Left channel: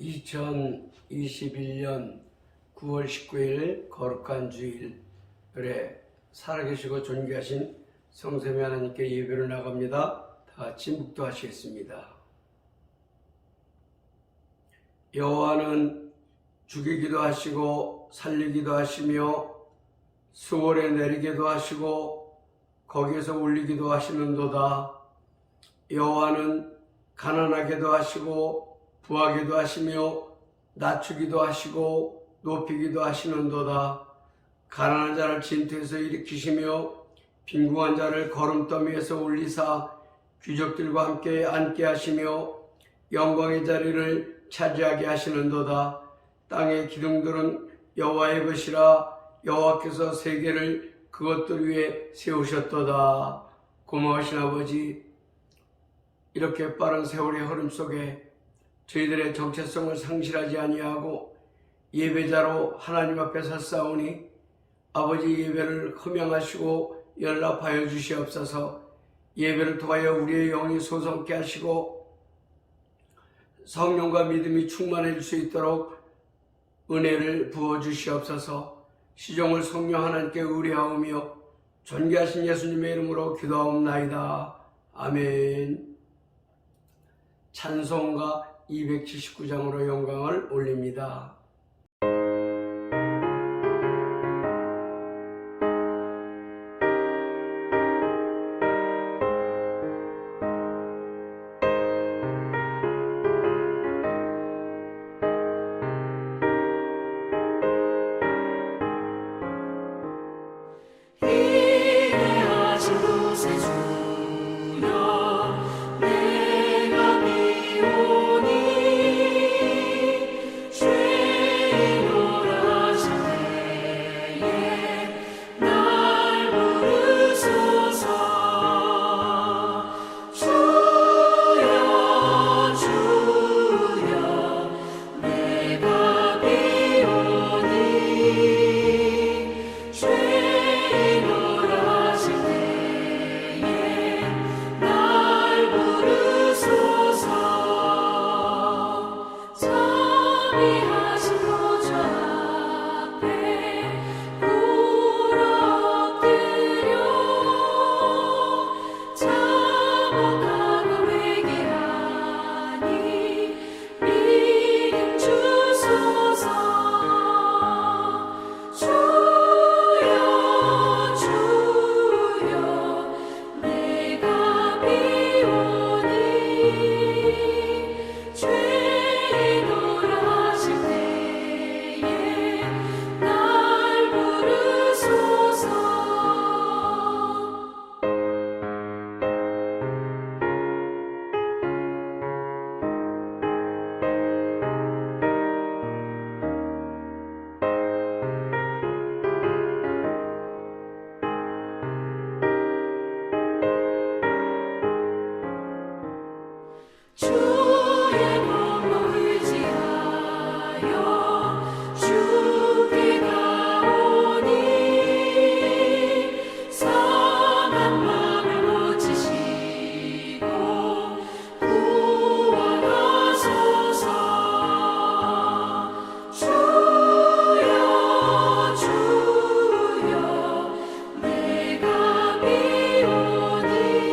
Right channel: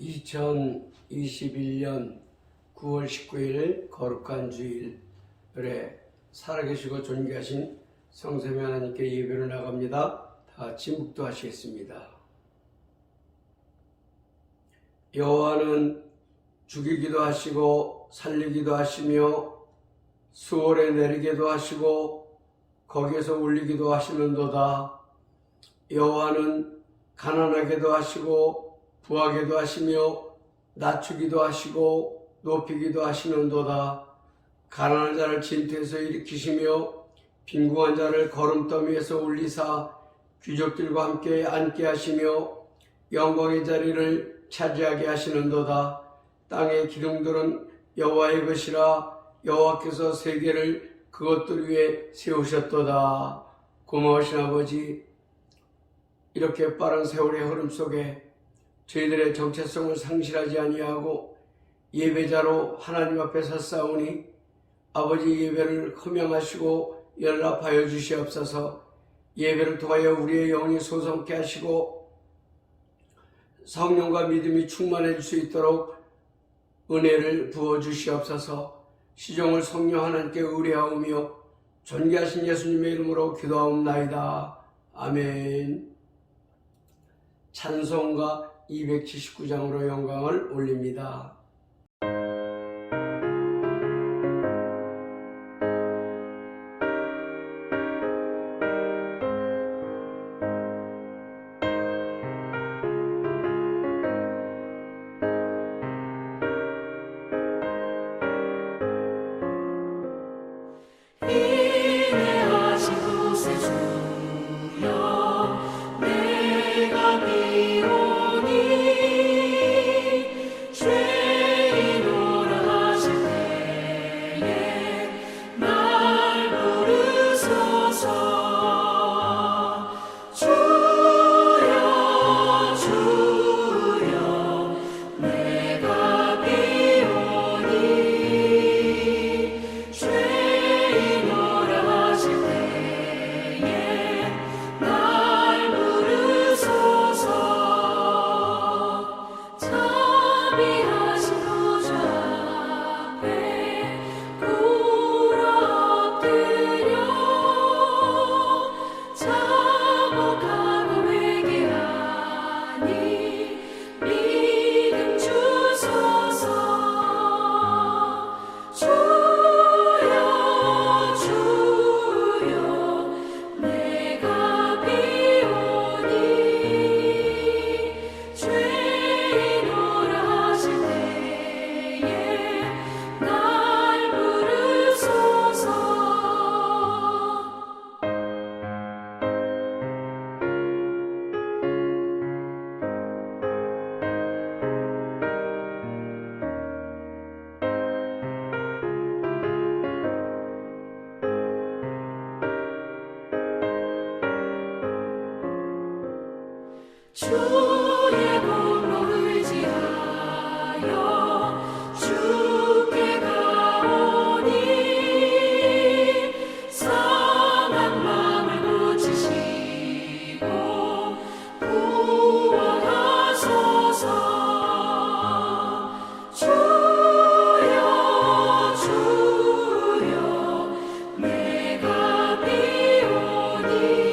2021년 9월 19일 거룩한 주일에 살아계시고 존귀하신 성삼위 하나님께 예배를 나갑니다. 다 같이 묵도하시겠습니다. 여호와는 죽이기도 하시고 살리기도 하시며 수월에 내리기도 하시고 거기에서 올리기도 하시는도다. 여호와는 가난하게도 하시고 부하게도 하시며 낮추기도 하시고 높이기도 하시는도다. 가난한 자를 진토에서 일으키시며 빈궁한 자를 거름더미에서 올리사 귀족들과 함께 앉게 하시며 영광의 자리를 차지하게 하시는도다. 땅의 기둥들은 여호와의 것이라. 여호와께서 세계를 그것들 위에 세우셨도다. 고마우신 아버지, 이렇게 빠른 세월의 흐름 속에 저희들의 정체성을 상실하지 아니하고 예배자로 하나님 앞에 섰사오니 아버지 예배를 흠양하시고 연락하여 주시옵소서. 예배를 통하여 우리의 영이 소성케 하시고 성령과 믿음이 충만해질 수 있도록 은혜를 부어주시옵소서. 시종을 성령 하나님께 의뢰하오며 존귀하신 예수님의 이름으로 기도하옵나이다. 아멘. 찬송가 279장으로 영광을 올립니다. 주의 몸을 의지하여 주께 가오니 상한 마음을 고치시고 구원하소서. 주여 주여 내가 비오니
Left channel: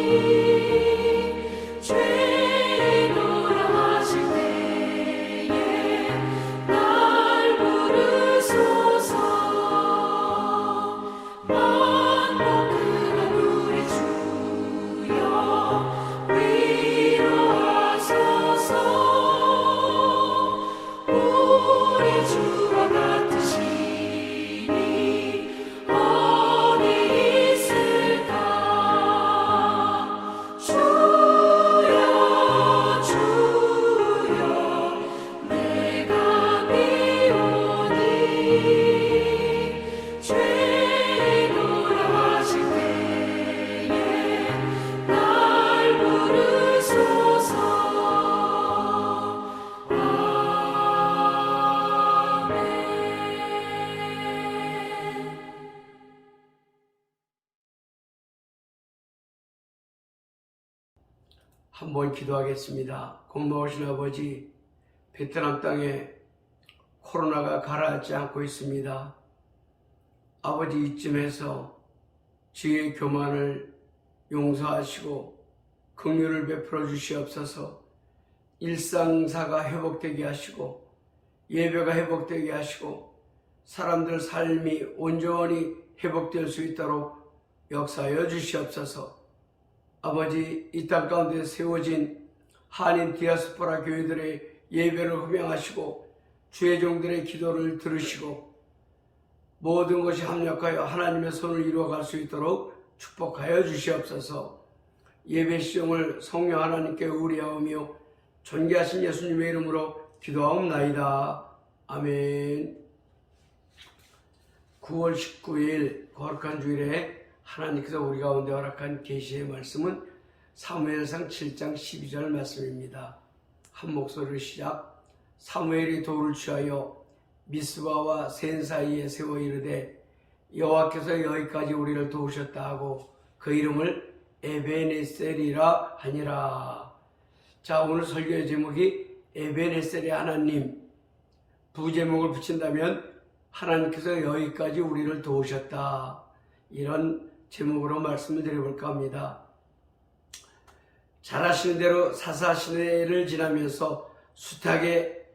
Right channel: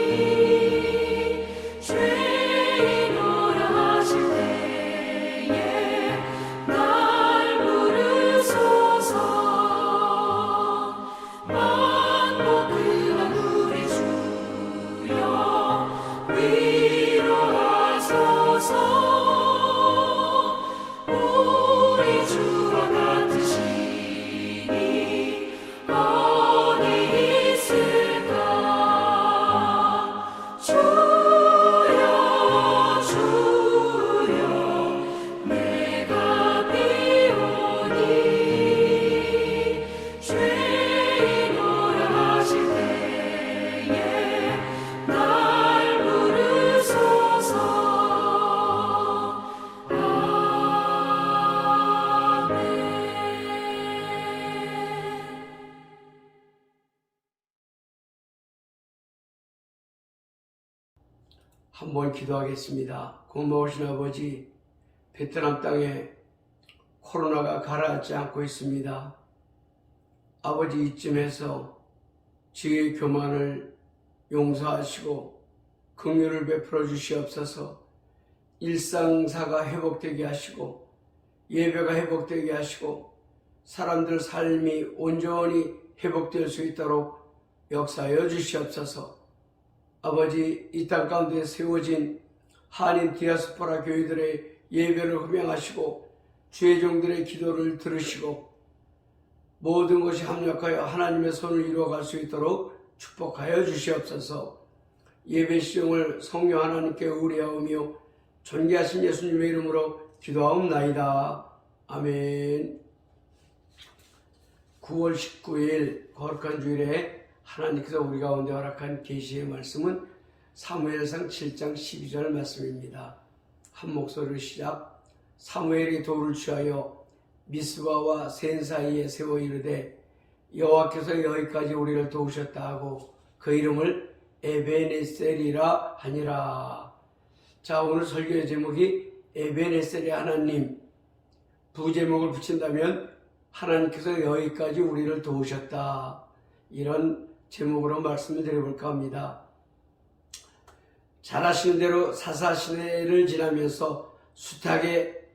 한번 기도하겠습니다. 고마우신 아버지, 베트남 땅에 코로나가 가라앉지 않고 있습니다. 아버지 이쯤에서 지혜의 교만을 용서하시고 긍휼을 베풀어 주시옵소서. 일상사가 회복되게 하시고 예배가 회복되게 하시고 사람들 삶이 온전히 회복될 수 있도록 역사하여 주시옵소서. 아버지, 이 땅 가운데 세워진 한인 디아스포라 교회들의 예배를 흠양하시고 주의 종들의 기도를 들으시고 모든 것이 합력하여 하나님의 손을 이루어갈 수 있도록 축복하여 주시옵소서. 예배 시종을 성령 하나님께 의뢰하오며 존귀하신 예수님의 이름으로 기도하옵나이다. 아멘. 9월 19일 거룩한 주일에 하나님께서 우리 가운데 허락한 계시의 말씀은 사무엘상 7장 12절 말씀입니다. 한 목소리로 시작. 사무엘이 돌을 취하여 미스바와 센 사이에 세워 이르되 여호와께서 여기까지 우리를 도우셨다 하고 그 이름을 에베네셀이라 하니라. 자, 오늘 설교의 제목이 에베네셀의 하나님. 부제목을 붙인다면 하나님께서 여기까지 우리를 도우셨다. 이런 제목으로 말씀을 드려볼까 합니다. 잘 아시는 대로 사사시대를 지나면서 숱하게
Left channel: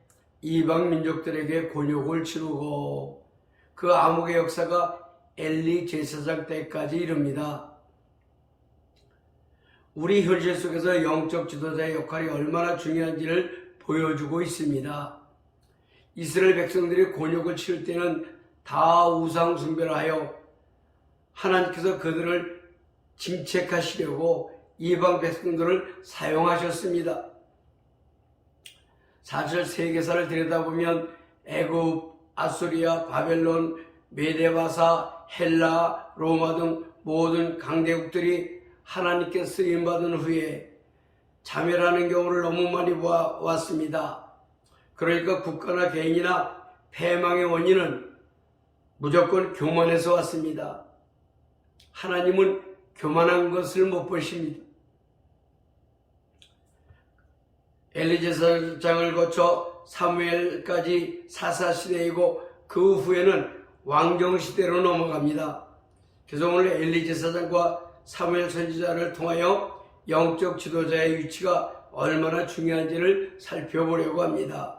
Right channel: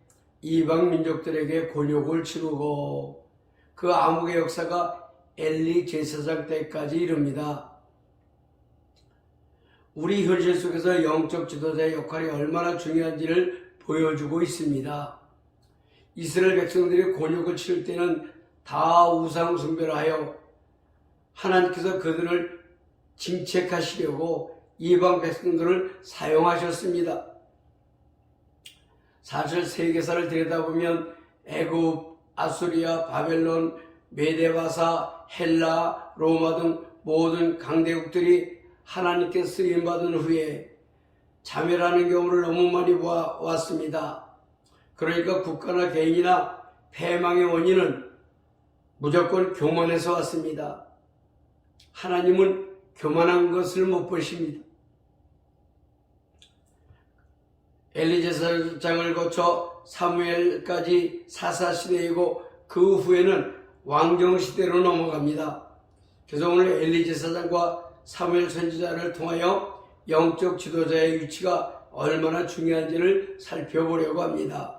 이방 민족들에게 곤욕을 치르고 그 암흑의 역사가 엘리 제사장 때까지 이릅니다. 우리 현실 속에서 영적 지도자의 역할이 얼마나 중요한지를 보여주고 있습니다. 이스라엘 백성들이 곤욕을 치를 때는 다 우상 숭배를 하여 하나님께서 그들을 징책하시려고 이방 백성들을 사용하셨습니다. 사실 세계사를 들여다보면 애굽, 아수리아, 바벨론, 메데바사, 헬라, 로마 등 모든 강대국들이 하나님께 쓰임받은 후에 자멸하는 경우를 너무 많이 보아왔습니다. 그러니까 국가나 개인이나 패망의 원인은 무조건 교만에서 왔습니다. 하나님은 교만한 것을 못 보십니다. 엘리 제사장을 거쳐 사무엘까지 사사시대이고 그 후에는 왕정시대로 넘어갑니다. 그래서 오늘 엘리 제사장과 사무엘 선지자를 통하여 영적 지도자의 위치가 얼마나 중요한지를 살펴보려고 합니다.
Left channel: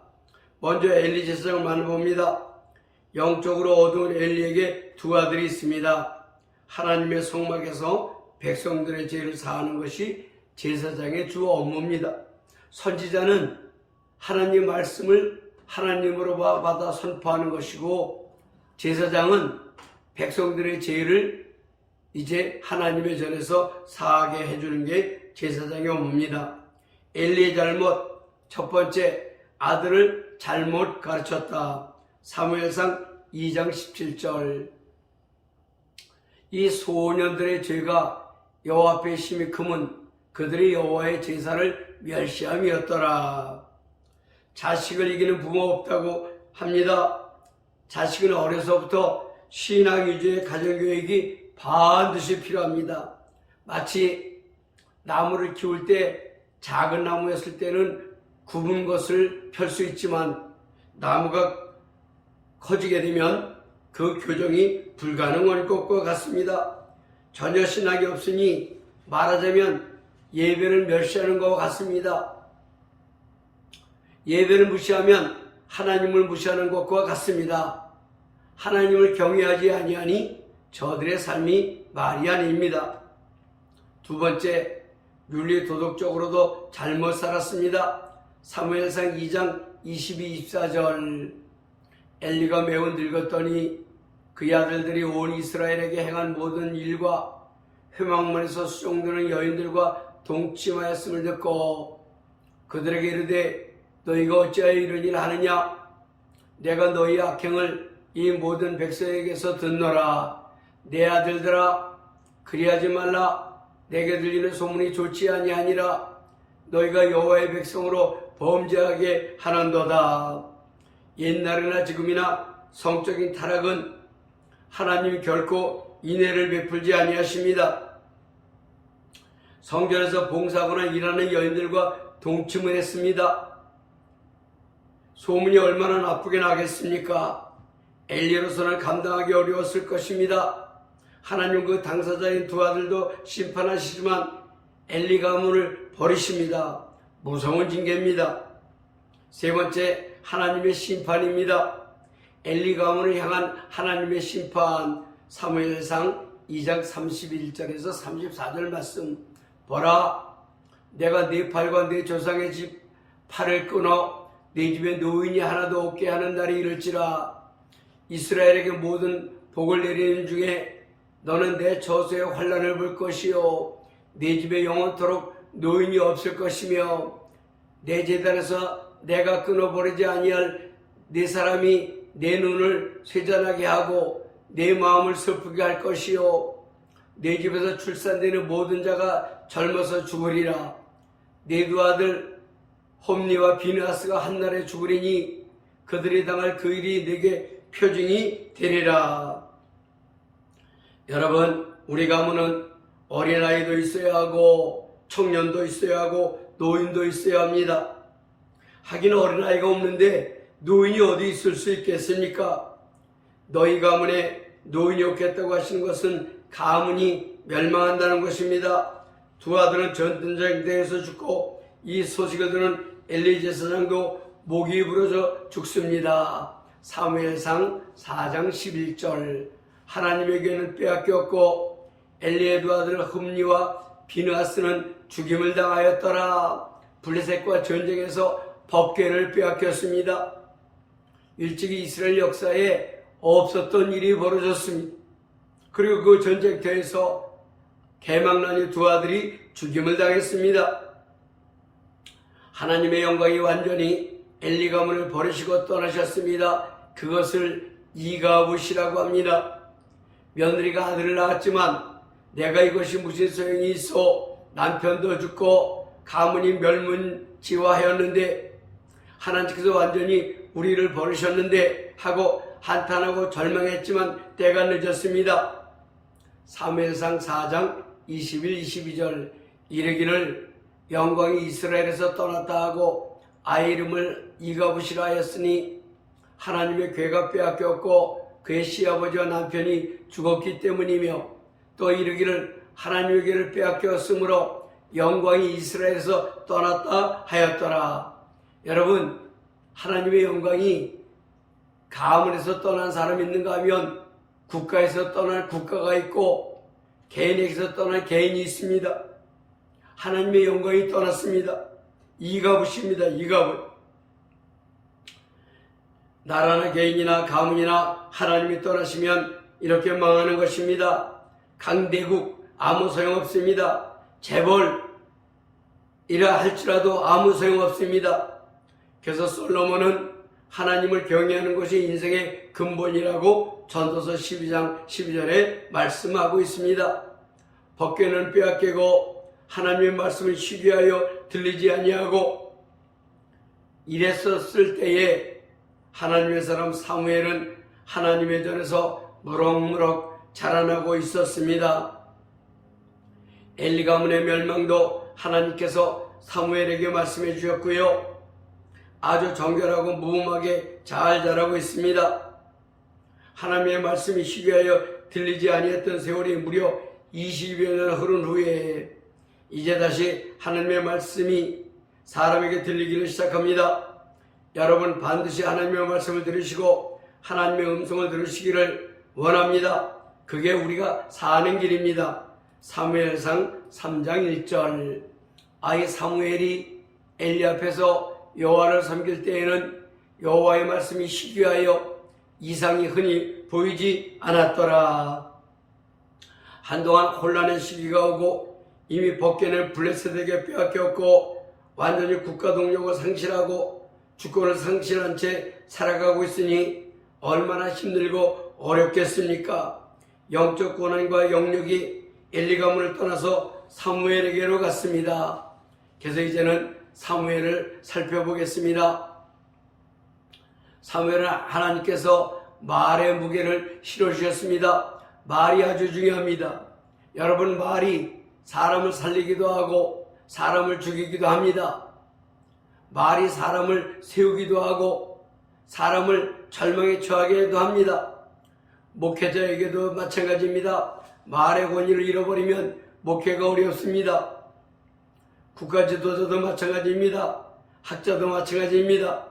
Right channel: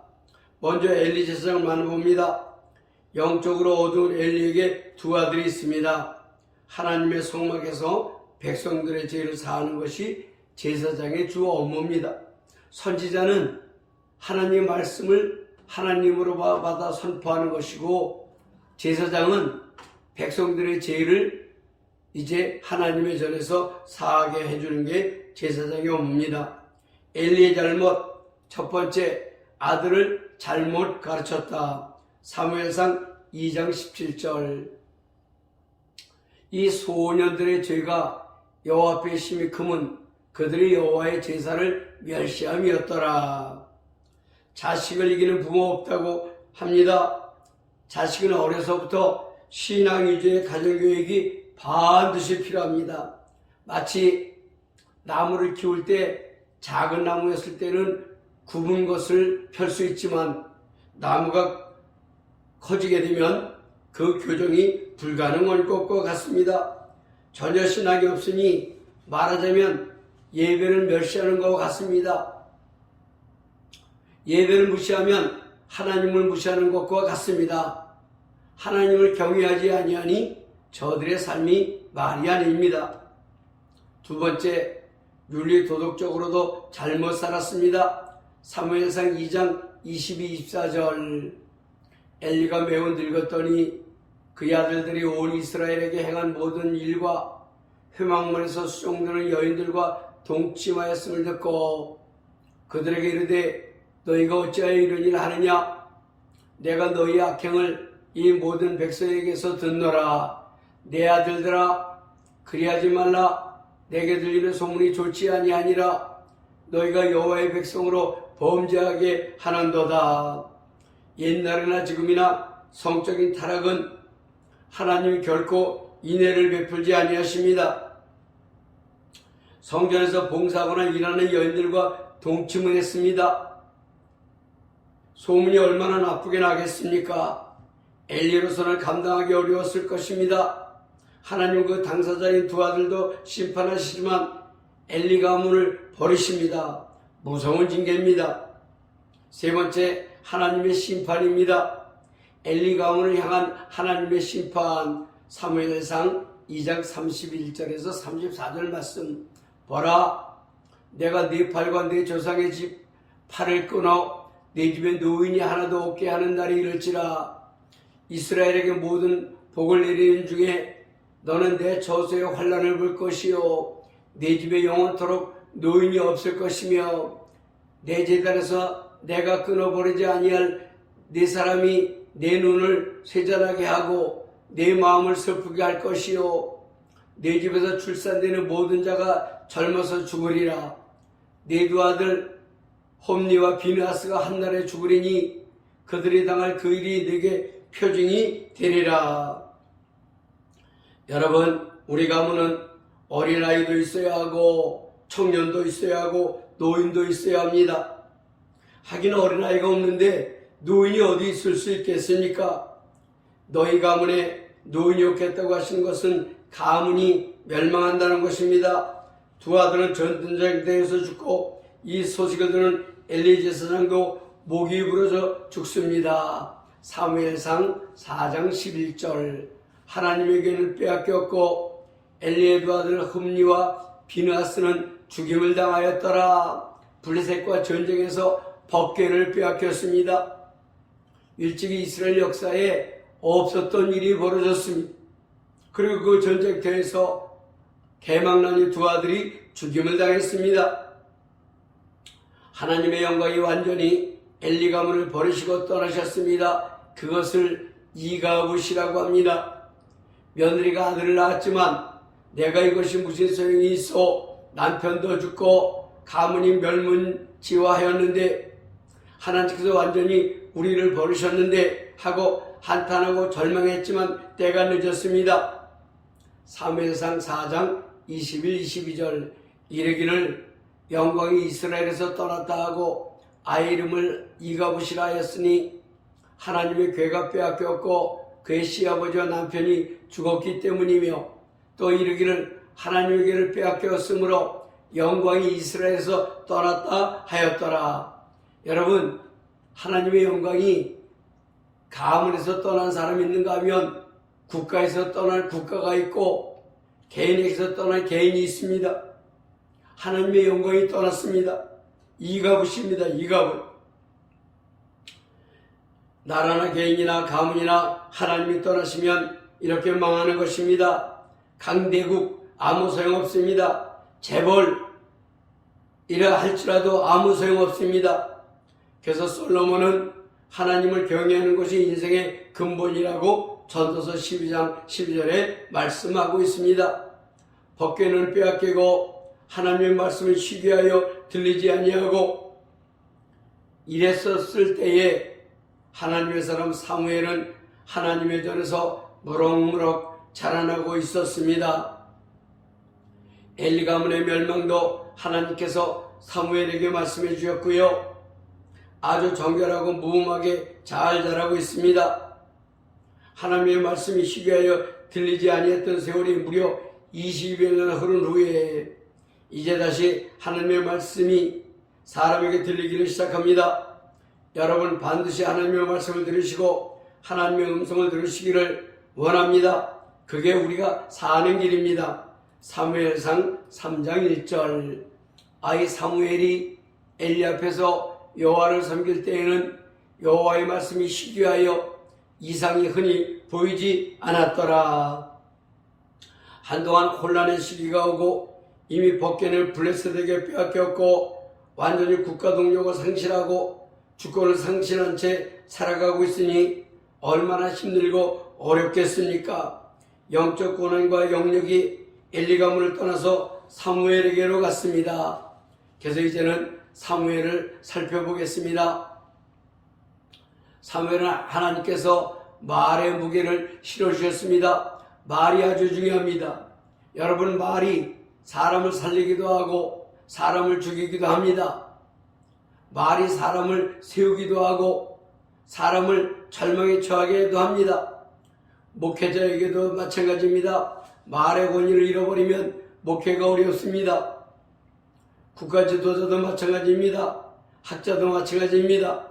먼저 엘리 제사장을 만나봅니다. 영적으로 어두운 엘리에게 두 아들이 있습니다. 하나님의 성막에서 백성들의 죄를 사하는 것이 제사장의 주 업무입니다. 선지자는 하나님의 말씀을 하나님으로 받아 선포하는 것이고 제사장은 백성들의 죄를 이제 하나님의 전에서 사하게 해주는 게 제사장의 업무입니다. 엘리의 잘못, 첫 번째, 아들을 잘못 가르쳤다. 사무엘상 2장 17절. 이 소년들의 죄가 여호와 앞에 심히 크면 그들이 여호와의 제사를 멸시함이었더라. 자식을 이기는 부모 없다고 합니다. 자식은 어려서부터 신앙 위주의 가정교육이 반드시 필요합니다. 마치 나무를 키울 때 작은 나무였을 때는 굽은 것을 펼 수 있지만 나무가 커지게 되면 그 교정이 불가능한 것과 같습니다. 전혀 신학이 없으니 말하자면 예배를 멸시하는 것과 같습니다. 예배를 무시하면 하나님을 무시하는 것과 같습니다. 하나님을 경외하지 아니하니 저들의 삶이 말이 아닙니다. 두 번째, 윤리 도덕적으로도 잘못 살았습니다. 사무엘상 2장 22, 24절. 엘리가 매우 늙었더니 그의 아들들이 온 이스라엘에게 행한 모든 일과 회막문에서 수종드는 여인들과 동침하였음을 듣고 그들에게 이르되 너희가 어찌하여 이런 일을 하느냐? 내가 너희 악행을 이 모든 백성에게서 듣노라. 내 아들들아, 그리하지 말라. 내게 들리는 소문이 좋지 아니하니라. 너희가 여호와의 백성으로 범죄하게 하는도다. 옛날이나 지금이나 성적인 타락은 하나님이 결코 인애를 베풀지 아니하십니다. 성전에서 봉사하거나 일하는 여인들과 동침을 했습니다. 소문이 얼마나 나쁘게 나겠습니까? 엘리로서는 감당하기 어려웠을 것입니다. 하나님 그 당사자인 두 아들도 심판하시지만 엘리 가문을 버리십니다. 무서운 징계입니다. 세 번째, 하나님의 심판입니다. 엘리 가문을 향한 하나님의 심판. 사무엘상 2장 31절에서 34절 말씀. 보라, 내가 네 팔과 네 조상의 집 팔을 끊어 네 집에 노인이 하나도 없게 하는 날이 이를지라. 이스라엘에게 모든 복을 내리는 중에 너는 내 저수의 환난을 볼 것이요 내 집에 영원토록 노인이 없을 것이며 내 제단에서 내가 끊어버리지 아니할 네 사람이 내 눈을 쇠잔하게 하고 내 마음을 슬프게 할 것이요 내 집에서 출산되는 모든 자가 젊어서 죽으리라. 네 두 아들 홈니와 비느하스가 한날에 죽으리니 그들이 당할 그 일이 내게 표징이 되리라. 여러분, 우리 가문은 어린아이도 있어야 하고 청년도 있어야 하고 노인도 있어야 합니다. 하긴 어린아이가 없는데 노인이 어디 있을 수 있겠습니까? 너희 가문에 노인이 없겠다고 하시는 것은 가문이 멸망한다는 것입니다. 두 아들은 전쟁터에서 죽고 이 소식을 들은 엘리 제사장도 목이 부러져 죽습니다. 사무엘상 4장 11절. 하나님에게는 빼앗겼고 엘리의 두 아들 흠니와 비느하스는 죽임을 당하였더라. 블레셋과 전쟁에서 법궤를 빼앗겼습니다. 일찍이 이스라엘 역사에 없었던 일이 벌어졌습니다. 그리고 그 전쟁터에서 개망난의 두 아들이 죽임을 당했습니다. 하나님의 영광이 완전히 엘리 가문을 버리시고 떠나셨습니다. 그것을 이가붓이라고 합니다. 며느리가 아들을 낳았지만 내가 이것이 무슨 소용이 있어 남편도 죽고 가문이 멸문지화하였는데 하나님께서 완전히 우리를 버리셨는데 하고 한탄하고 절망했지만 때가 늦었습니다. 사무엘상 4장 21, 22절. 이르기를 영광이 이스라엘에서 떠났다 하고 아이 이름을 이가붓이라 하였으니 하나님의 괴가 빼앗겼고 그의 시아버지와 남편이 죽었기 때문이며 또 이르기를 하나님의 괴를 빼앗겼으므로 영광이 이스라엘에서 떠났다 하였더라. 여러분, 하나님의 영광이 가문에서 떠난 사람이 있는가 하면 국가에서 떠날 국가가 있고 개인에게서 떠날 개인이 있습니다. 하나님의 영광이 떠났습니다. 이가붓입니다. 이가붓. 나라나 개인이나 가문이나 하나님이 떠나시면 이렇게 망하는 것입니다. 강대국 아무 소용없습니다. 재벌 이라 할지라도 아무 소용없습니다. 그래서 솔로몬은 하나님을 경외하는 것이 인생의 근본이라고 전도서 12장 12절에 말씀하고 있습니다. 법궤는 빼앗기고 하나님의 말씀을 시기하여 들리지 아니하고 이랬었을 때에 하나님의 사람 사무엘은 하나님의 전에서 무럭무럭 자라나고 있었습니다. 엘리 가문의 멸망도 하나님께서 사무엘에게 말씀해 주셨고요. 아주 정결하고 무음하게 잘 자라고 있습니다. 하나님의 말씀이 시기하여 들리지 아니했던 세월이 무려 20여 년 흐른 후에 이제 다시 하나님의 말씀이 사람에게 들리기를 시작합니다. 여러분 반드시 하나님의 말씀을 들으시고 하나님의 음성을 들으시기를 원합니다. 그게 우리가 사는 길입니다. 사무엘상 3장 1절. 아이 사무엘이 엘리 앞에서 여호와를 섬길 때에는 여호와의 말씀이 시기하여 이상이 흔히 보이지 않았더라. 한동안 혼란의 시기가 오고 이미 법궤는 블레셋에게 빼앗겼고 완전히 국가 동력을 상실하고 주권을 상실한 채 살아가고 있으니 얼마나 힘들고 어렵겠습니까? 영적 권한과 영역이 엘리 가문을 떠나서 사무엘에게로 갔습니다. 그래서 이제는 사무엘을 살펴보겠습니다. 사무엘은 하나님께서 말의 무게를 실어주셨습니다. 말이 아주 중요합니다. 여러분, 말이 사람을 살리기도 하고 사람을 죽이기도 합니다. 말이 사람을 세우기도 하고 사람을 절망에 처하게도 합니다. 목회자에게도 마찬가지입니다. 말의 권위를 잃어버리면 목회가 어렵습니다. 국가 지도자도 마찬가지입니다. 학자도 마찬가지입니다.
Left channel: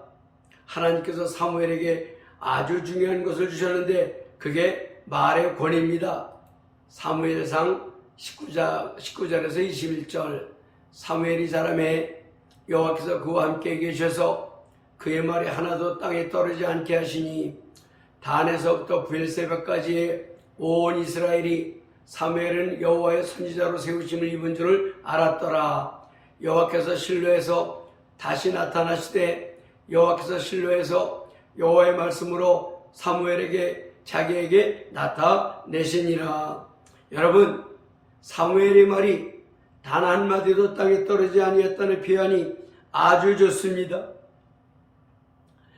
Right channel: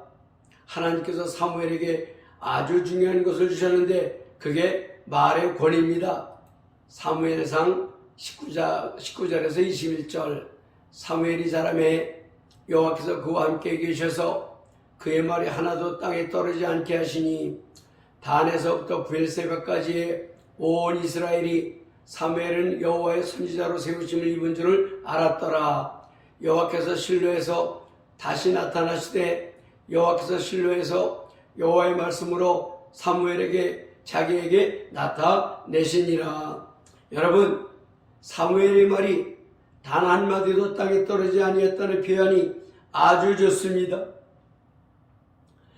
하나님께서 사무엘에게 아주 중요한 것을 주셨는데 그게 말의 권위입니다. 사무엘상 19절에서 21절 사무엘이 자라매 여호와께서 그와 함께 계셔서 그의 말이 하나도 땅에 떨어지지 않게 하시니 단에서부터 브엘세바까지의 온 이스라엘이 사무엘은 여호와의 선지자로 세우심을 입은 줄을 알았더라. 여호와께서 실로에서 다시 나타나시되 여호와께서 실로에서 여호와의 말씀으로 사무엘에게 자기에게 나타내시니라. 여러분, 사무엘의 말이 단 한마디도 땅에 떨어지지 아니했다는 표현이 아주 좋습니다.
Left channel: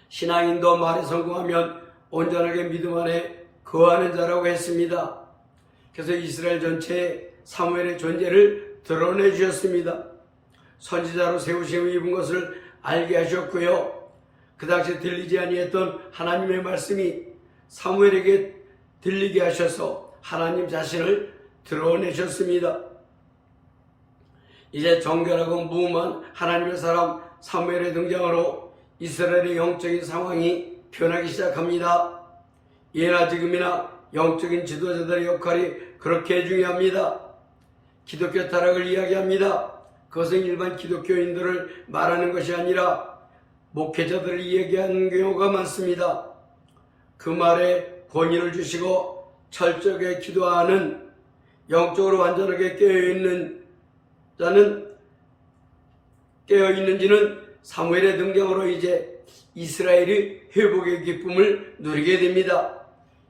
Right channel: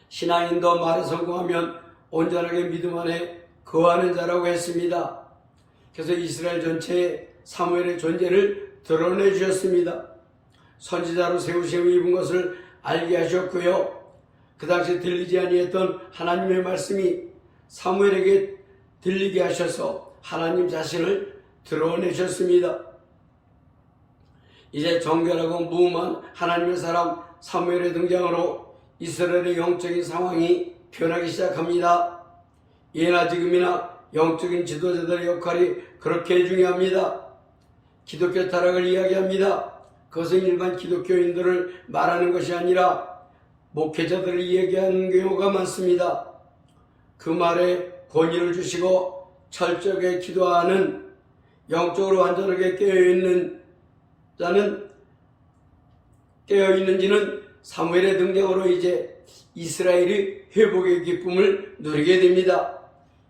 신앙인도 말에 성공하면 온전하게 믿음 안에 거하는 자라고 했습니다. 그래서 이스라엘 전체에 사무엘의 존재를 드러내 주셨습니다. 선지자로 세우심을 입은 것을 알게 하셨고요. 그 당시 들리지 아니했던 하나님의 말씀이 사무엘에게 들리게 하셔서 하나님 자신을 드러내셨습니다. 이제 정결하고 무음한 하나님의 사람 사무엘의 등장으로 이스라엘의 영적인 상황이 변하기 시작합니다. 예나 지금이나 영적인 지도자들의 역할이 그렇게 중요합니다. 기독교 타락을 이야기합니다. 그것은 일반 기독교인들을 말하는 것이 아니라 목회자들을 이야기하는 경우가 많습니다. 그 말에 권위를 주시고 철저하게 기도하는 영적으로 완전하게 깨어있는지는 사무엘의 등장으로 이제 이스라엘이 회복의 기쁨을 누리게 됩니다.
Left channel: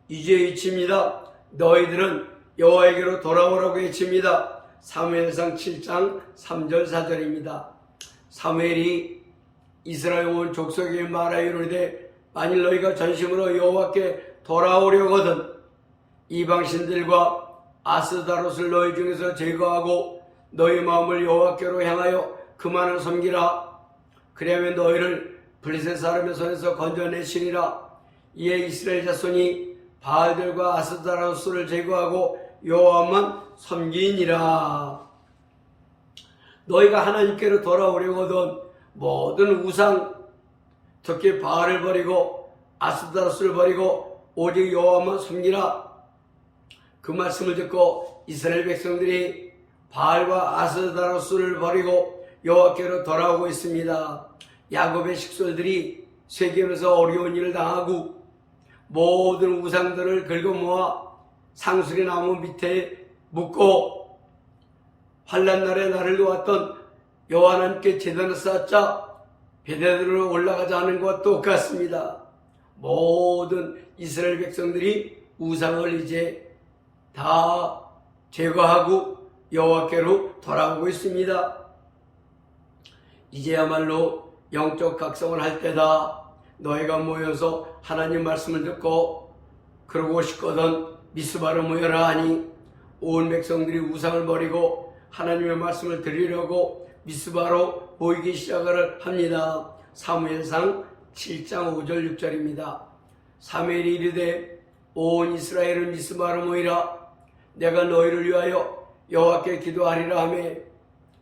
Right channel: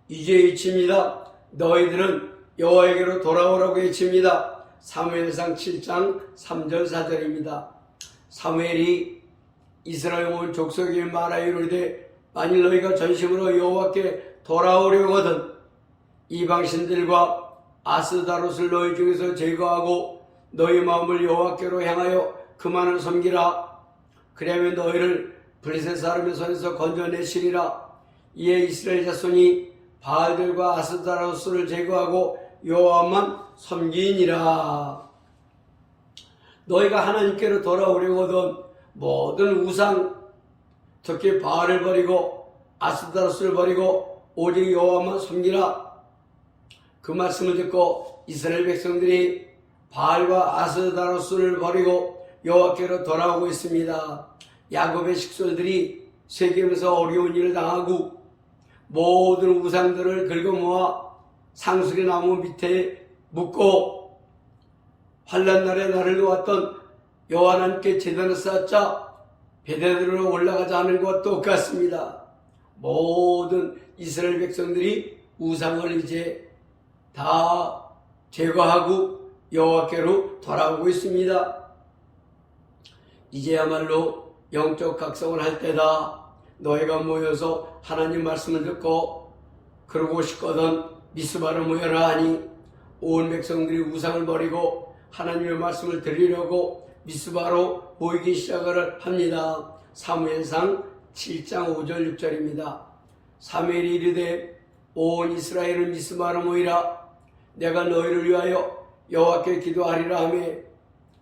이제 외칩니다. 너희들은 여호와에게로 돌아오라고 외칩니다. 사무엘상 7장 3절 4절입니다. 사무엘이 이스라엘 온 족속에게 말하여 이르되 만일 너희가 전심으로 여호와께 돌아오려거든 이방신들과 아스다롯을 너희 중에서 제거하고 너희 마음을 여호와께로 향하여 그만을 섬기라. 그러면 너희를 블레셋 사람의 손에서 건져내시리라. 이에 이스라엘 자손이 바알들과 아스다롯을 제거하고 여호와만 섬기니라. 너희가 하나님께로 돌아오려거든 모든 우상 특히 바알을 버리고 아스다롯을 버리고 오직 여호와만 섬기라. 그 말씀을 듣고 이스라엘 백성들이 바알과 아스다롯을 버리고 여호와께로 돌아오고 있습니다. 야곱의 식솔들이 세겜에서 어려운 일을 당하고 모든 우상들을 긁어모아 상수리 나무 밑에 묻고 환난날에 나를 도왔던 여호와 하나님께 제단을 쌓자 베델으로 올라가자 하는 것과 똑같습니다. 모든 이스라엘 백성들이 우상을 이제 다 제거하고 여호와께로 돌아오고 있습니다. 이제야말로 영적 각성을 할 때다. 너희가 모여서 하나님 말씀을 듣고 그러고 싶거든 미스바로 모여라 하니 온 백성들이 우상을 버리고 하나님의 말씀을 들으려고 미스바로 모이기 시작을 합니다. 사무엘상 7장 5절 6절입니다. 사무엘이 이르되 온 이스라엘은 미스바로 모이라. 내가 너희를 위하여 여호와께 기도하리라 하며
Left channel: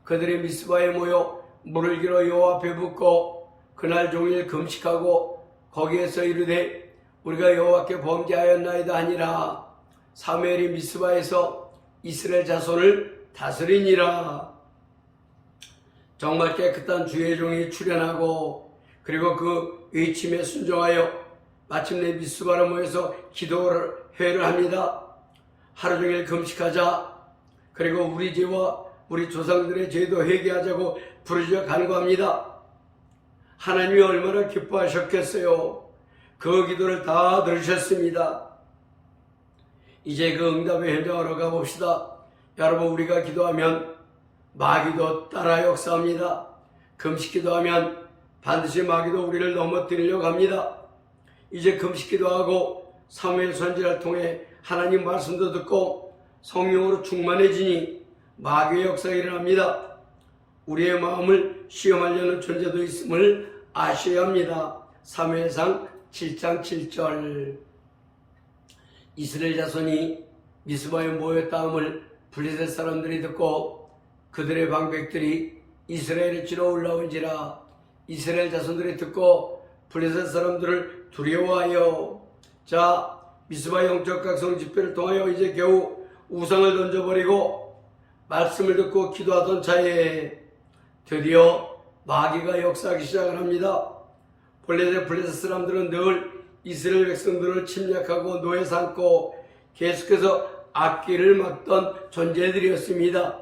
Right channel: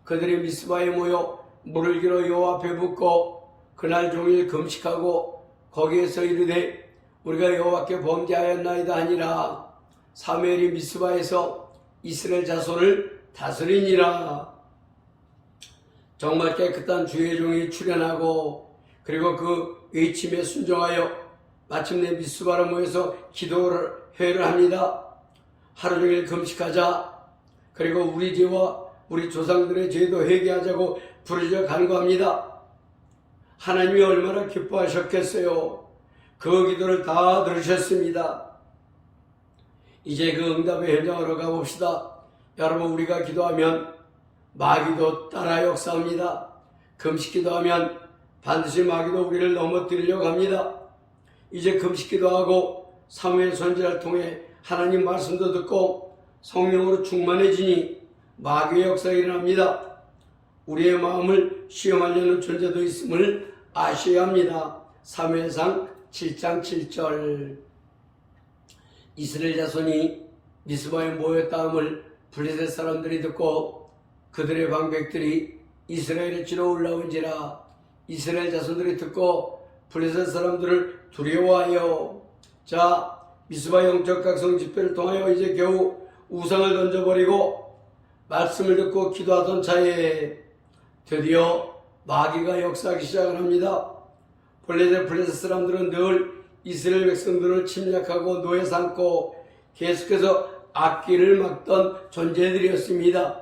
그들이 미스바에 모여 물을 길어 여호와 앞에 붓고 그날 종일 금식하고 거기에서 이르되 우리가 여호와께 범죄하였나이다 하니라. 사무엘이 미스바에서 이스라엘 자손을 다스리니라. 정말 깨끗한 주의 종이 출현하고 그리고 그 외침에 순종하여 마침내 미스바로 모여서 기도회를 합니다. 하루 종일 금식하자. 그리고 우리 죄와 우리 조상들의 죄도 회개하자고 부르짖어 간구합니다. 하나님이 얼마나 기뻐하셨겠어요. 그 기도를 다 들으셨습니다. 이제 그 응답의 현장으로 가봅시다. 여러분, 우리가 기도하면 마귀도 따라 역사합니다. 금식 기도하면 반드시 마귀도 우리를 넘어뜨리려고 합니다. 이제 금식 기도하고 사무엘 선지자를 통해 하나님 말씀도 듣고 성령으로 충만해지니 마귀의 역사가 일어납니다. 우리의 마음을 시험하려는 존재도 있음을 아셔야 합니다. 사무엘상 7장 7절. 이스라엘 자손이 미스바에 모였다함을 블레셋 사람들이 듣고 그들의 방백들이 이스라엘에 치러 올라온지라. 이스라엘 자손들이 듣고 블레셋 사람들을 두려워하여. 자, 미스바 영적 각성 집회를 통하여 이제 겨우 우상을 던져버리고 말씀을 듣고 기도하던 차에 드디어 마귀가 역사하기 시작을 합니다. 본래 블레셋 사람들은 늘 이스라엘 백성들을 침략하고 노예 삼고 계속해서 악기를 막던 존재들이었습니다.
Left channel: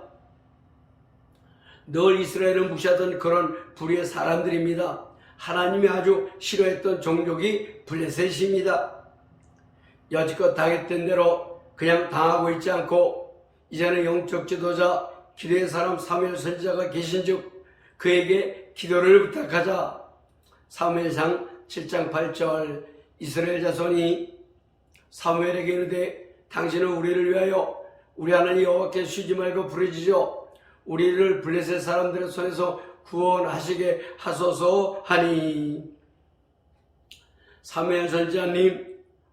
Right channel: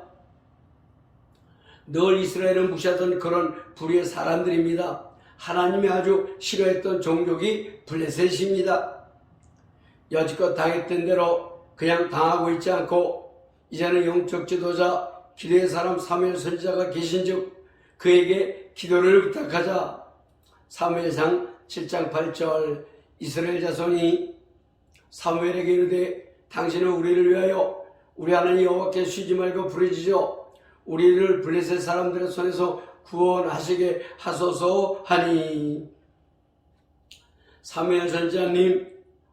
늘 이스라엘을 무시하던 그런 불의의 사람들입니다. 하나님이 아주 싫어했던 종족이 블레셋입니다. 여지껏 당했던 대로 그냥 당하고 있지 않고 이제는 영적 지도자 기도의 사람 사무엘 선지자가 계신즉 그에게 기도를 부탁하자. 사무엘상 7장 8절. 이스라엘 자손이 사무엘에게 이르되 당신은 우리를 위하여 우리 하나님 여호와께 쉬지 말고 부르짖어 우리를 블레셋 사람들의 손에서 구원하시게 하소서 하니. 사무엘 선지자님,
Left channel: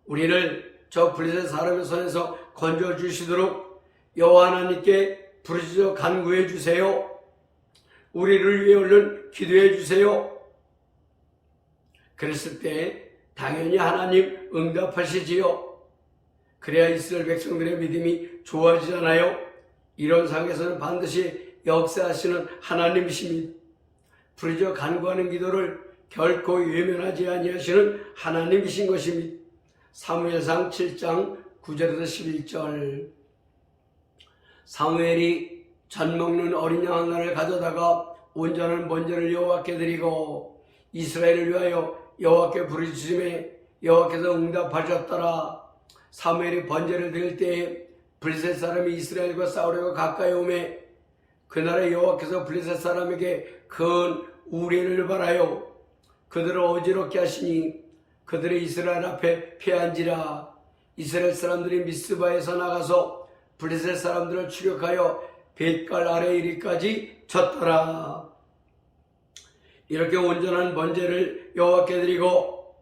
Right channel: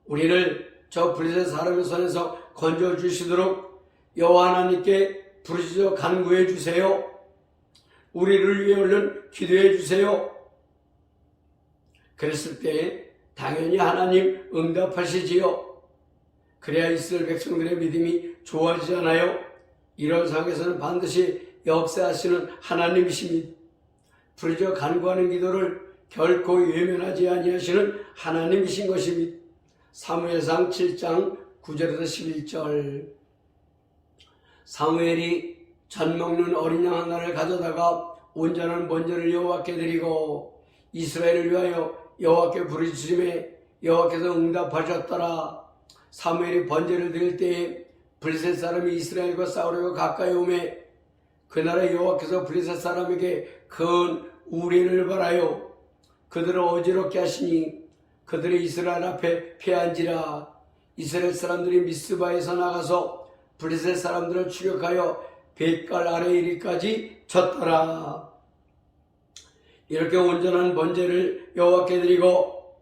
우리를 저 블레셋 사람의 손에서 건져주시도록 여호와 하나님께 부르짖어 간구해 주세요. 우리를 위해 얼른 기도해 주세요. 그랬을 때 당연히 하나님 응답하시지요. 그래야 이스라엘 백성들의 믿음이 좋아지잖아요. 이런 상황에서는 반드시 역사하시는 하나님이십니다. 부르짖어 간구하는 기도를 결코 외면하지 아니하시는 하나님이신 것입니다. 사무엘상 7장 9절에서 11절. 사무엘이 젖 먹는 어린 양 하나를 가져다가 온전한 번제를 여호와께 드리고 이스라엘을 위하여 여호와께 부르짖음에 여호와께서 응답하셨더라. 사무엘이 번제를 드릴 때에 블레셋 사람이 이스라엘과 싸우려고 가까이 오매 그날에 여호와께서 블레셋 사람에게 큰 우레를 발하여 그들을 어지럽게 하시니 그들의 이스라엘 앞에 패한지라. 이스라엘 사람들이 미스바에서 나가서 블레셋 사람들을 추격하여 벳갈 아래 이리까지 쳤더라. 이렇게 온전한 번제를 여호와께 드리고,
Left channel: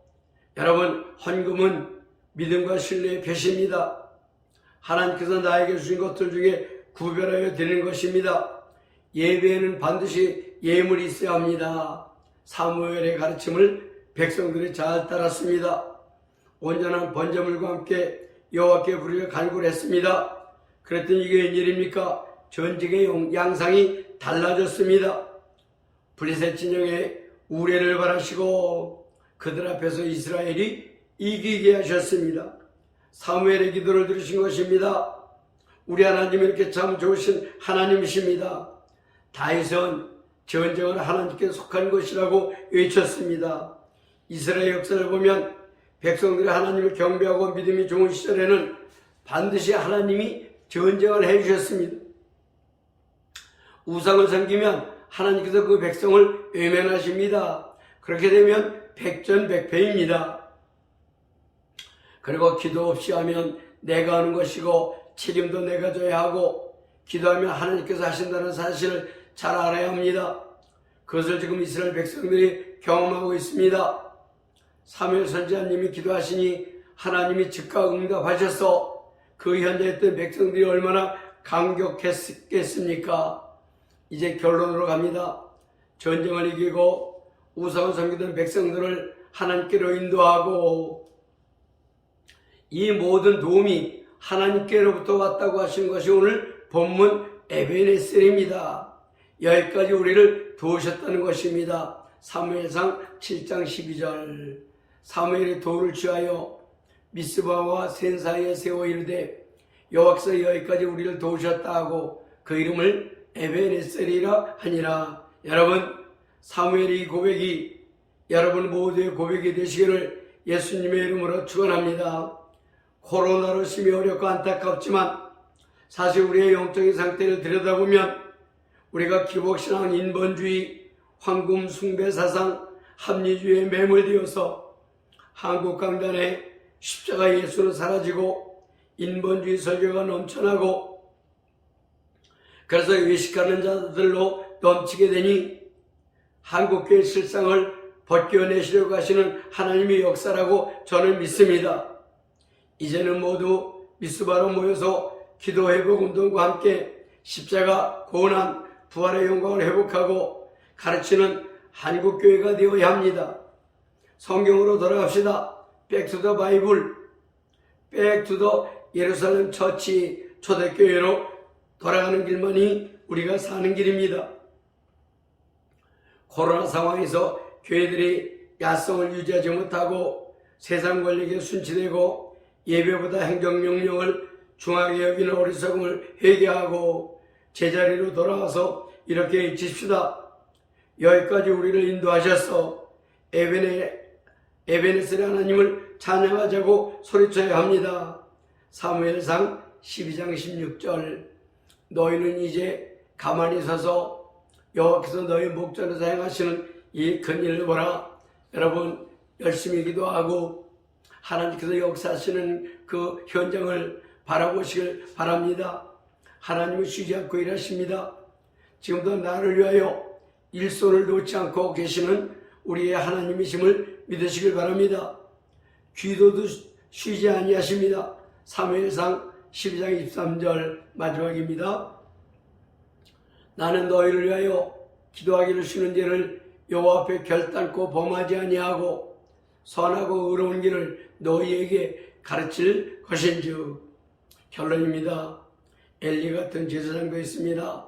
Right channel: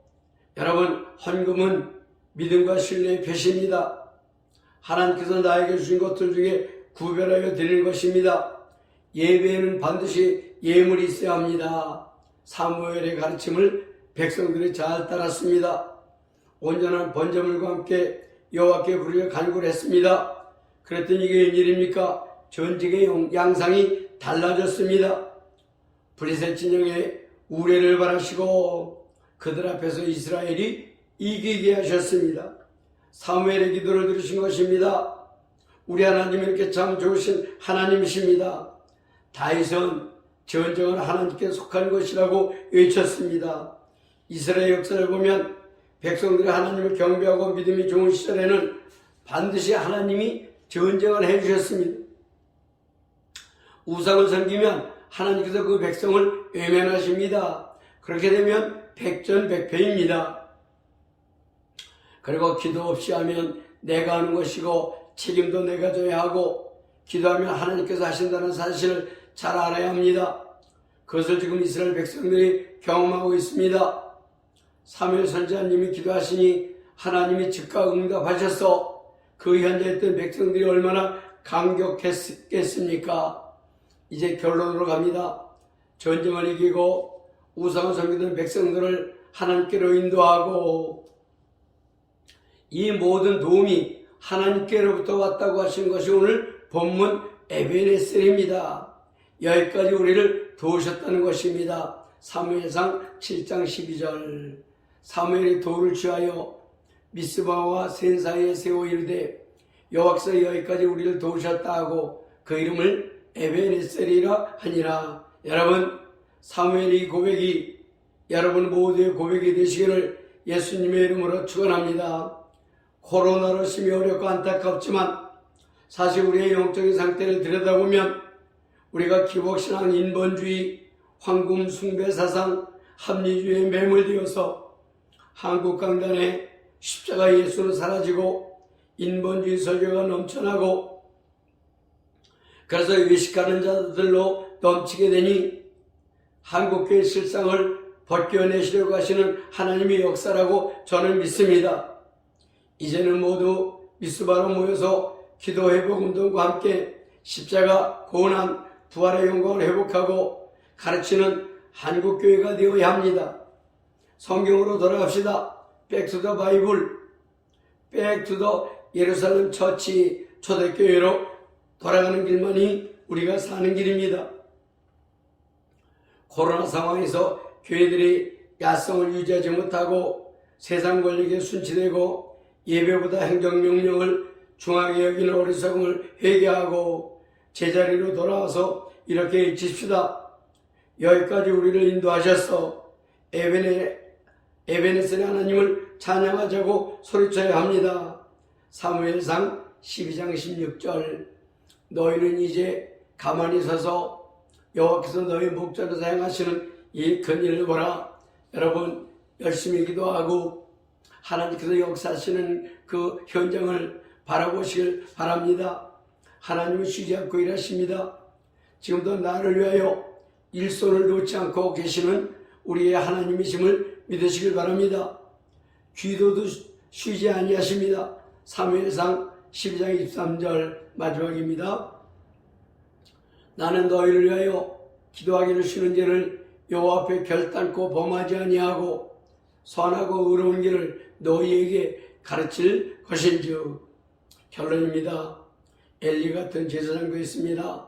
여러분, 헌금은 믿음과 신뢰의 표시입니다. 하나님께서 나에게 주신 것들 중에 구별하여 드리는 것입니다. 예배에는 반드시 예물이 있어야 합니다. 사무엘의 가르침을 백성들이 잘 따랐습니다. 온전한 번제물과 함께 여호와께 부르짖어 간구를 했습니다. 그랬더니 이게 웬일입니까? 전쟁의 양상이 달라졌습니다. 블레셋 진영에 우레를 바라시고 그들 앞에서 이스라엘이 이기게 하셨습니다. 사무엘의 기도를 들으신 것입니다. 우리 하나님 이렇게 참 좋으신 하나님이십니다. 다윗은 전쟁은 하나님께 속한 것이라고 외쳤습니다. 이스라엘 역사를 보면 백성들이 하나님을 경배하고 믿음이 좋은 시절에는 반드시 하나님이 전쟁을 해주셨습니다. 우상을 섬기면 하나님께서 그 백성을 외면하십니다. 그렇게 되면 백전백패입니다. 그리고 기도 없이 하면 내가 하는 것이고 책임도 내가 져야 하고 기도하면 하나님께서 하신다는 사실을 잘 알아야 합니다. 그것을 지금 이스라엘 백성들이 경험하고 있습니다. 사무엘 선지자님이 기도하시니 하나님이 즉각 응답하셔서 그 현장에 있던 백성들이 얼마나 감격했겠습니까? 이제 결론으로 갑니다. 전쟁을 이기고 우상을 섬기던 백성들을 하나님께로 인도하고 이 모든 도움이 하나님께로부터 왔다고 하신 것이 오늘 본문 에베네셀입니다. 여기까지 우리를 도우셨다는 것입니다. 사무엘상 7장 12절. 사무엘이 돌을 취하여 미스바와 센 사이에 세워 이르되 여호와께서 여기까지 우리를 도우셨다 하고 그 이름을 에베네셀이라 하니라. 여러분, 사무엘의 이 고백이 여러분 모두의 고백이 되시기를 예수님의 이름으로 축원합니다. 코로나로 심히 어렵고 안타깝지만 사실 우리의 영적인 상태를 들여다보면 우리가 기복신앙, 인본주의, 황금 숭배 사상, 합리주의에 매몰되어서 한국 강단에 십자가 예수는 사라지고 인본주의 설교가 넘쳐나고 그래서 외식하는 자들로 넘치게 되니 한국교회 실상을 벗겨내시려고 하시는 하나님의 역사라고 저는 믿습니다. 이제는 모두 미스바로 모여서 기도 회복 운동과 함께 십자가, 고난, 부활의 영광을 회복하고 가르치는 한국교회가 되어야 합니다. 성경으로 돌아갑시다. Back to the Bible. Back to the 예루살렘 처치 초대교회로 돌아가는 길만이 우리가 사는 길입니다. 코로나 상황에서 교회들이 야성을 유지하지 못하고 세상 권력에 순치되고 예배보다 행정명령을 중하게 여기는 어리석음을 회개하고 제자리로 돌아와서 이렇게 외칩시다. 여기까지 우리를 인도하셔서 에베네셀의 하나님을 찬양하자고 소리쳐야 합니다. 사무엘상 12장 16절 너희는 이제 가만히 서서 여호와께서 너희 목자로 사용하시는 이 큰 일을 보라. 여러분 열심히 기도하고 하나님께서 역사하시는 그 현장을 바라보시길 바랍니다. 하나님은 쉬지 않고 일하십니다. 지금도 나를 위하여 일손을 놓지 않고 계시는 우리의 하나님이심을 믿으시길 바랍니다. 기도도 쉬지 아니하십니다. 사무엘상 12장 23절 마지막입니다. 나는 너희를 위하여 기도하기를 쉬는 죄를 여호와 앞에 결단코 범하지 아니하고 선하고 의로운 길을 너희에게 가르칠 것인즉. 결론입니다. 엘리 같은 제사장도 있습니다.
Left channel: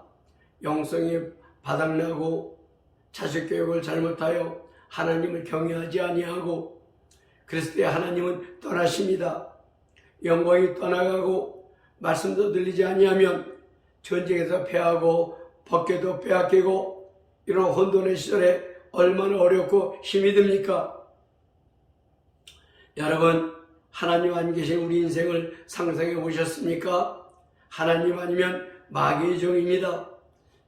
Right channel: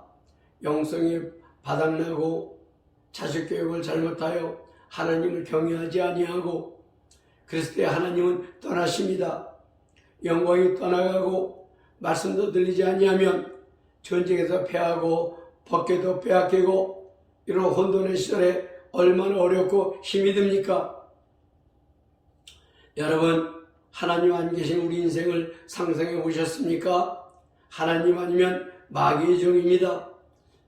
영성이 바닥나고 자식 교육을 잘못하여 하나님을 경외하지 아니하고 그랬을 때 하나님은 떠나십니다. 영광이 떠나가고 말씀도 들리지 아니하면 전쟁에서 패하고 벗겨도 빼앗기고 이런 혼돈의 시절에 얼마나 어렵고 힘이 듭니까? 여러분 하나님 안 계신 우리 인생을 상상해 보셨습니까? 하나님 아니면 마귀의 종입니다.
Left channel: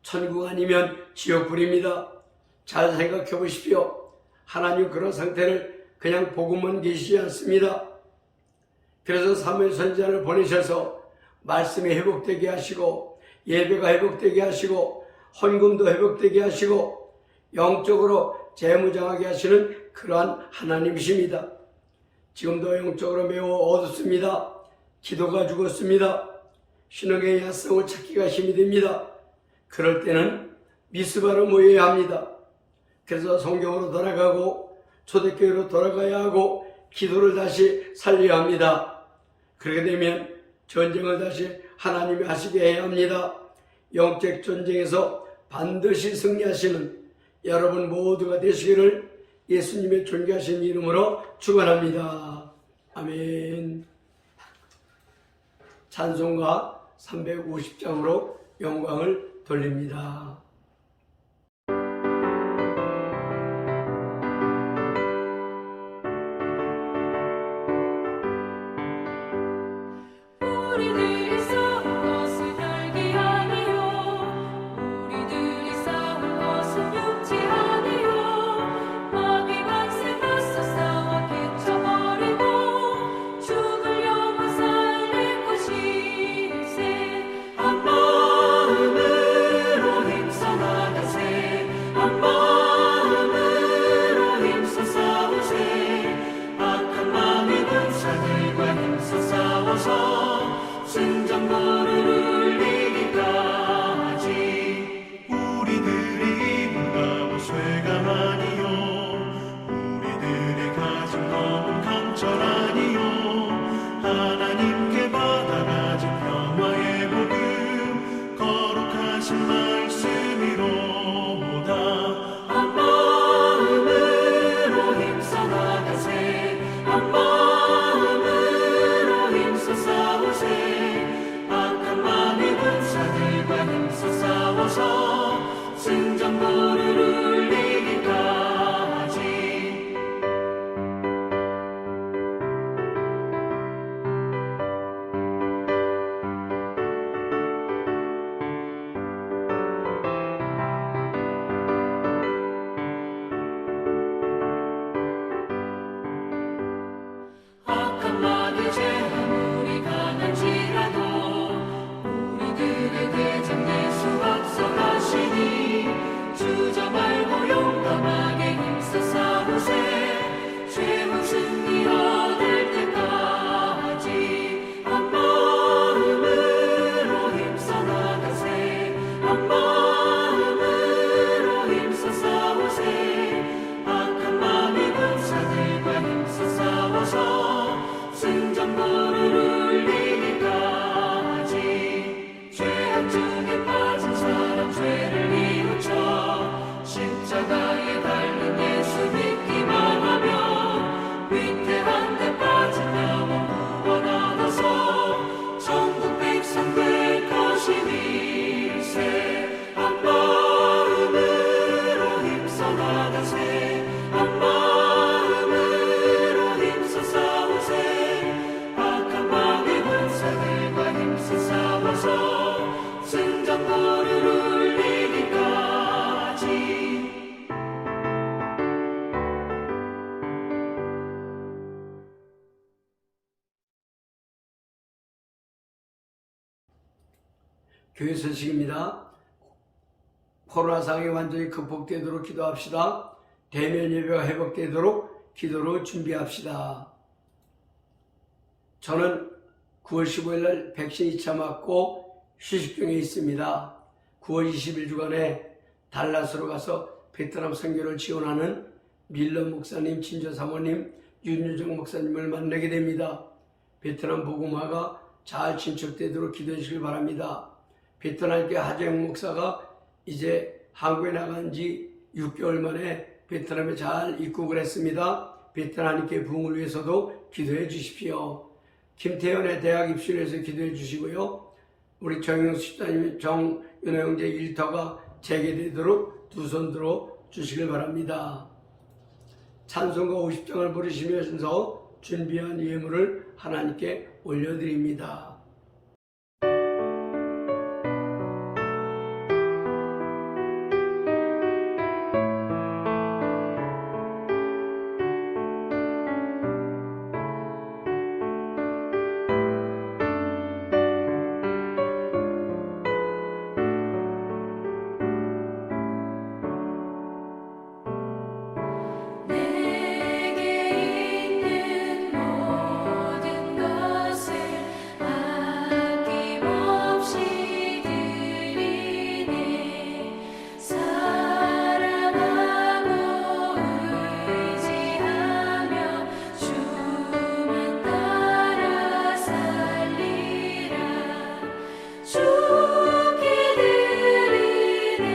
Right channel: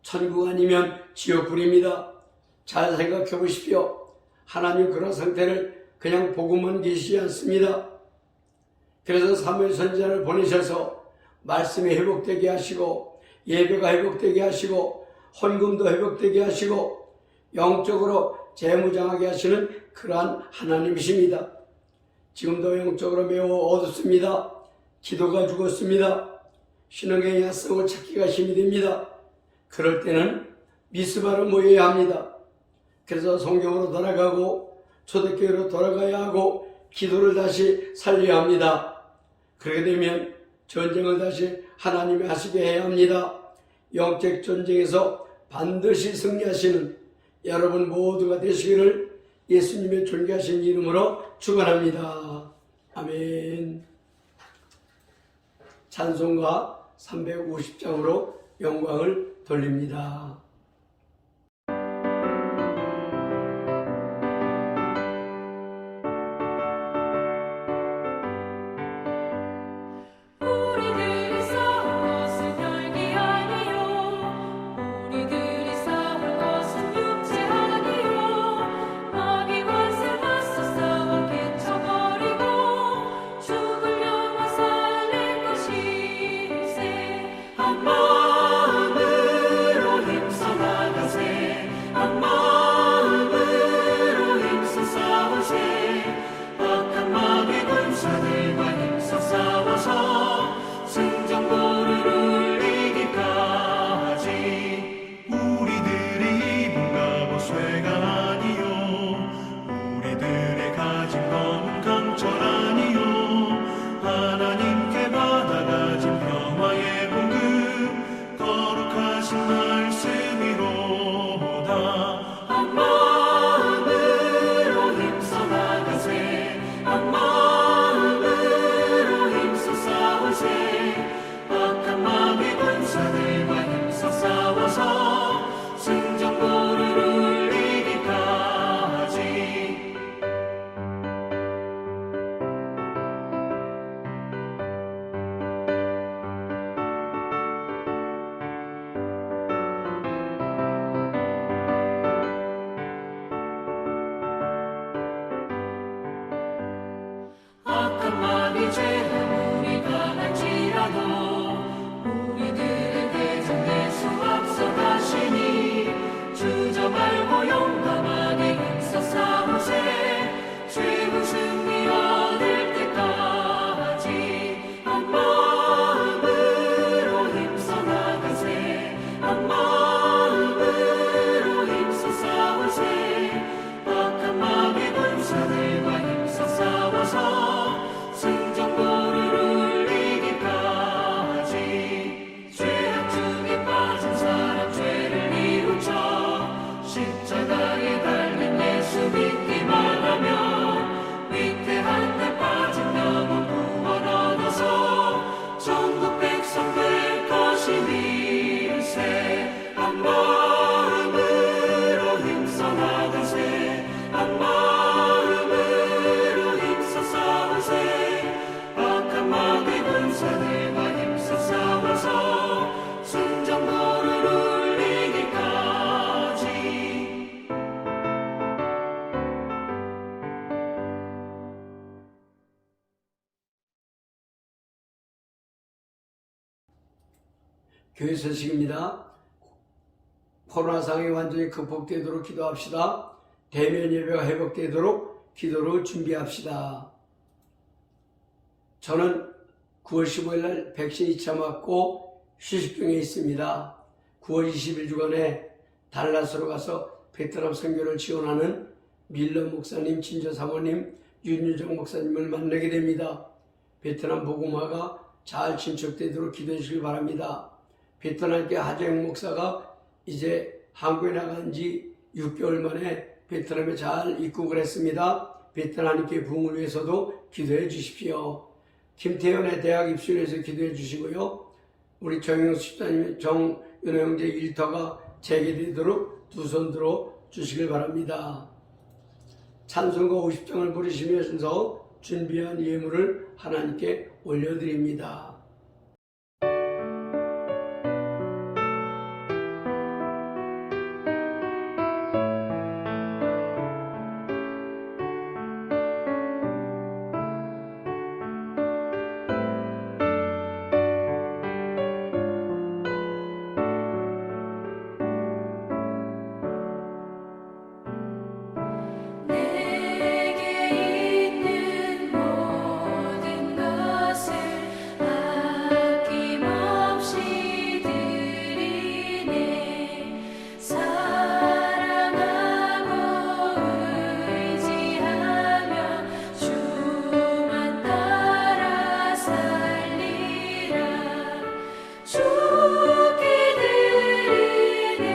천국 아니면 지옥불입니다. 잘 생각해 보십시오. 하나님 그런 상태를 그냥 보고만 계시지 않습니다. 그래서 사무엘 선지자를 보내셔서 말씀이 회복되게 하시고 예배가 회복되게 하시고 헌금도 회복되게 하시고 영적으로 재무장하게 하시는 그러한 하나님이십니다. 지금도 영적으로 매우 어둡습니다. 기도가 죽었습니다. 신앙의 야성을 찾기가 힘이 됩니다. 그럴 때는 미스바로 모여야 합니다. 그래서 성경으로 돌아가고 초대교회로 돌아가야 하고 기도를 다시 살려야 합니다. 그렇게 되면 전쟁을 다시 하나님이 하시게 해야 합니다. 영적 전쟁에서 반드시 승리하시는 여러분 모두가 되시기를 예수님의 존귀하신 이름으로 축원합니다. 아멘. 찬송가 350장으로 영광을 돌립니다. 우리들이 싸운 것은 혈기 아니요 우리들이 싸운 것은 육체 아니요 마귀 권세 맞서 싸워 깨쳐버리고 죽을 영혼 살릴 것일세 한 마음으로 힘써 교회 소식입니다. 코로나 상황이 완전히 극복되도록 기도합시다. 대면 예배가 회복되도록 기도로 준비합시다. 저는 9월 15일 날 백신 2차 맞고 휴식 중에 있습니다. 9월 20일 주간에 달라스로 가서 베트남 선교를 지원하는 밀러 목사님, 친자 사모님, 윤유정 목사님을 만나게 됩니다. 베트남 복음화가 잘 진척되도록 기도해 주시기 바랍니다. 베트남계 하재영 목사가 이제 한국에 나간 지 6개월 만에 베트남에 잘 입국을 했습니다. 베트남계 부흥을 위해서도 기도해 주십시오. 김태현의 대학 입시를 위해서 기도해 주시고요. 우리 정영수 집사님, 정윤호 형제 일터가 재개되도록 두 손 들어 주시길 바랍니다. 찬송가 50장을 부르시면서 준비한 예물을 하나님께 올려드립니다. 내게 있는 모든 것을 아낌없이 드리네. 사랑하고 의지하며 주만 따라 살리라. 주께 드리네.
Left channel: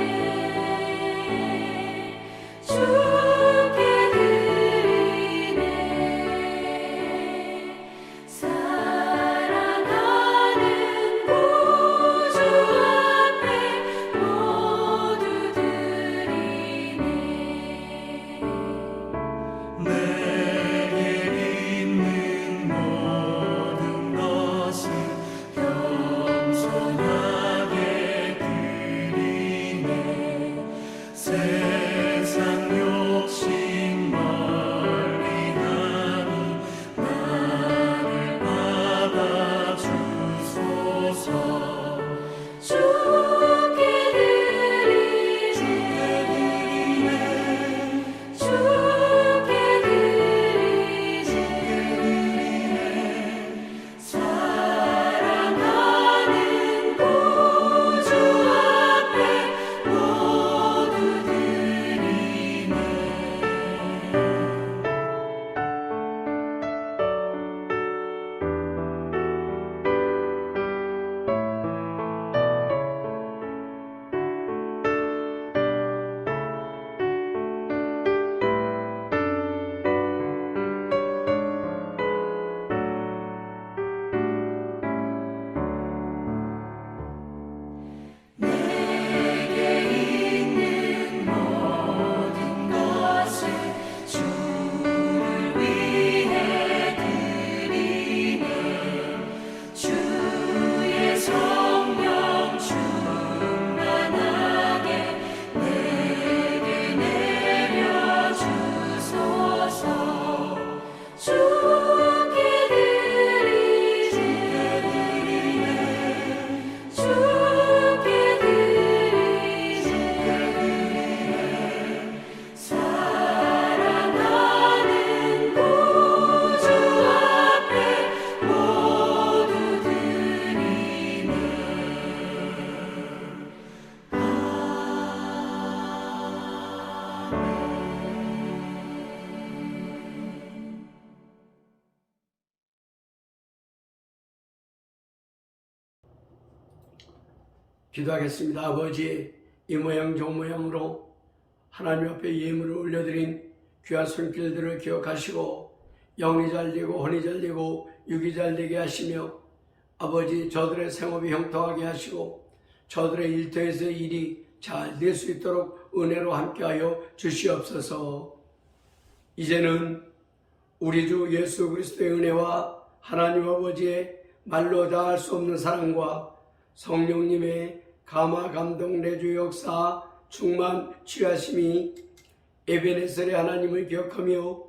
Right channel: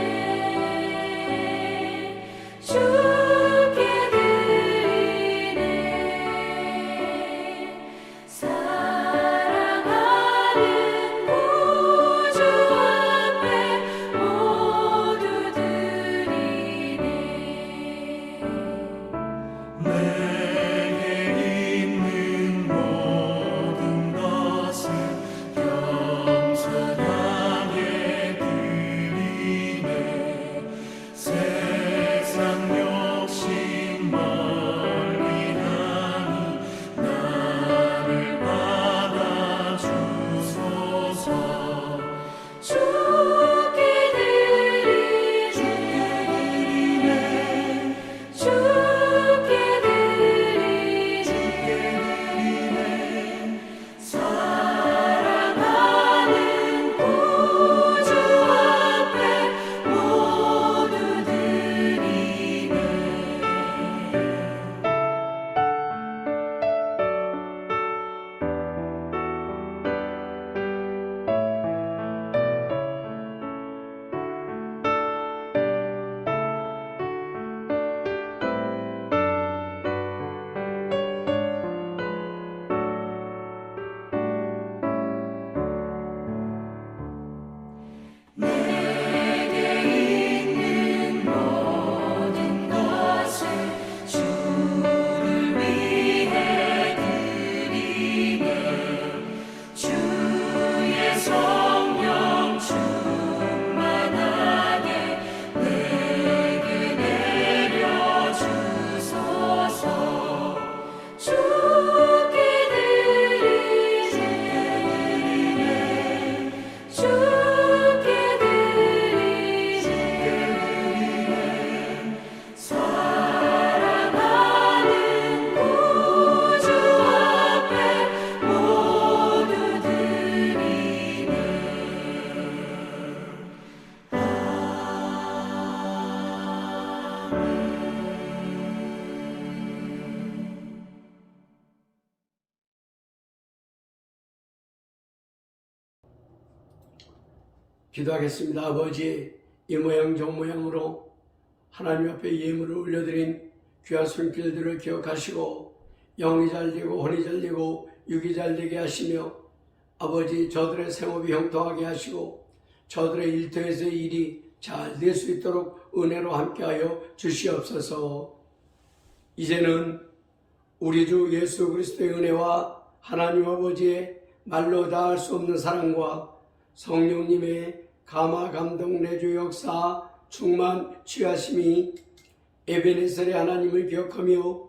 주께 드리네. 사랑하는 구주 앞에 모두 드리네. 내게 있는 모든 것을 겸손하게 드리네. 세상 욕심 멀리하니 나를 받아주소서. 주께 드리네. 주께 드리네. 사랑하는 구주 앞에 모두 드리네. 내게 있는 모든 것을 주를 위해 드리네. 주의 성령 충만하게 내게 내려주소서. 주께 드리네. 주께 드리네. 사랑하는 구주 앞에 모두 드리네. 기도하겠습니다. 아버지, 이 모양 저 모양으로 하나님 앞에 예물을 올려드린 귀한 손길들을 기억하시고 영이 잘 되고 혼이 잘 되고 육이 잘 되게 하시며 아버지, 저들의 생업이 형통하게 하시고 저들의 일터에서의 일이 잘 될 수 있도록 은혜로 함께하여 주시옵소서. 이제는 우리 주 예수 그리스도의 은혜와 하나님 아버지의 말로 다할 수 없는 사랑과 성령님의 감화 감동 내주 역사 충만 취하심이 에베네셀의 하나님을 기억하며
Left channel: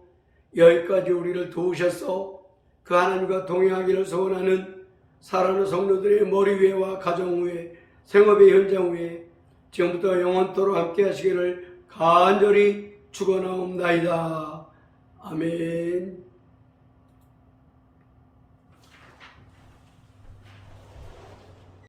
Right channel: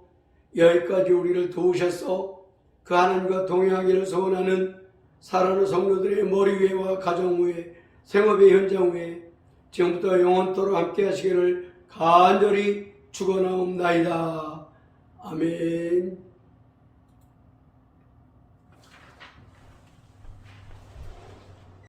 여기까지 우리를 도우셔서 그 하나님과 동행하기를 소원하는 사랑하는 성도들의 머리 위에와 가정 위에 생업의 현장 위에 지금부터 영원토록 함께 하시기를 간절히 축원하옵나이다. 아멘.